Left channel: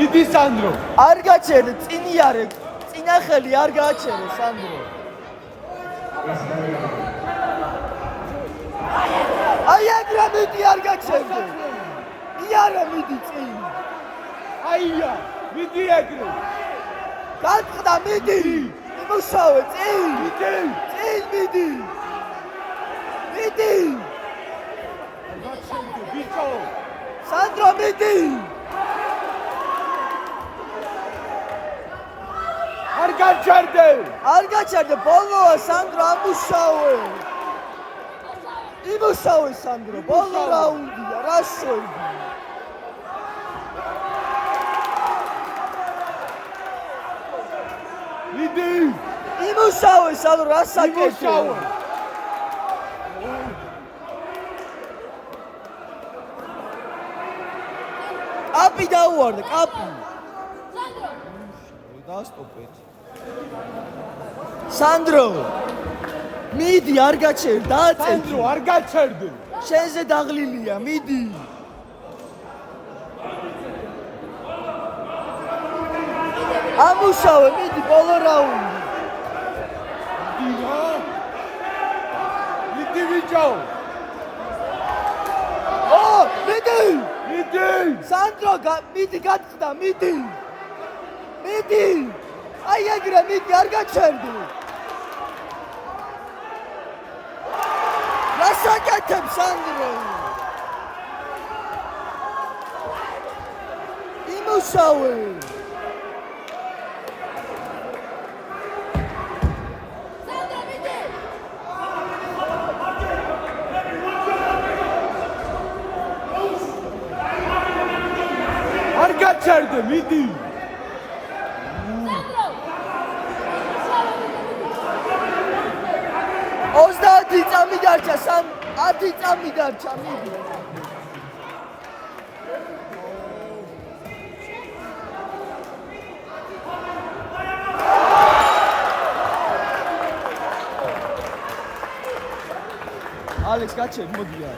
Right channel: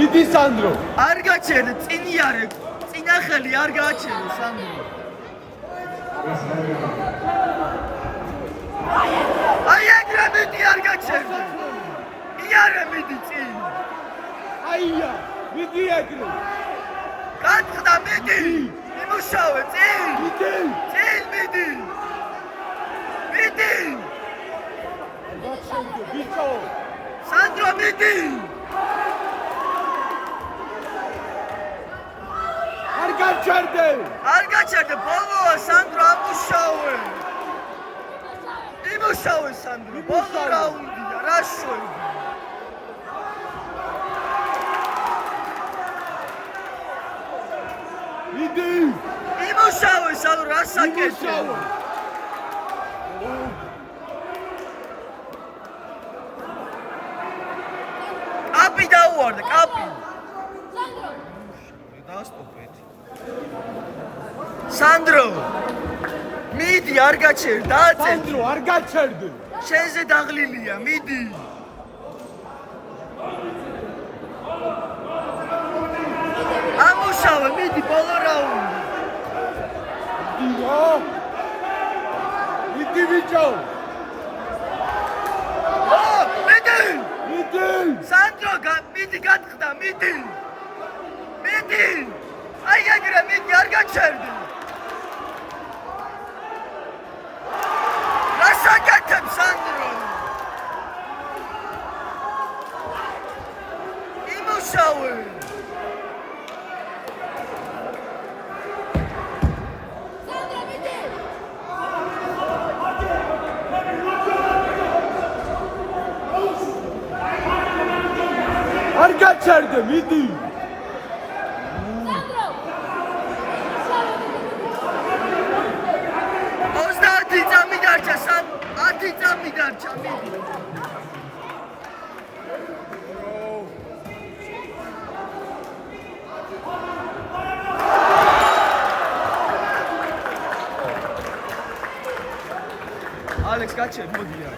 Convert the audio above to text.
მიდი სანდრო. არ გაჩერდე, წინიარე, წინახელი არ გაჩერდე სანდრო. აი ეგრე მიდი არ გაჩერდე. იარე მიდი წინ. აია, მიდი ეგრე. გაწყდა მიდი. იმუშავე წინ. მიდი. წინ მიდი. მიდი. სანდრო მიდი. არ გაჩერდე. არ გაჩერდე, ბოლოა სანდრო ამუშავე. იმუშავე სანდრო, ბოლო რაუნდია, რა შვები. მიდი. იმუშავე სანდრო, რა საკეთე. კაპი დაუვარდა, კაპი. დაასტოპეთ. სანდრო. მიდი არ გაჩერდ, დააწერ. სანდრო არ გაჩერდე. შენზე დაღლილია, მიდი. ამუშავე, მიდი ბოლო რაუნდი. მიდი ბიჭო. ო, მიდი. მიდი. სანდრო, მიდი გაწყდა, მიდი. მიდი. აი ეგრე მიდი არ გაჩერდი. რა საკეთებ სანდრო? იმუშავე. არ გაჩერდე, მიდი. ოცდაათი წამი დარჩა, 10 წამი დარჩა, მიდი. ალექს გაჩერდ, მოდი რა.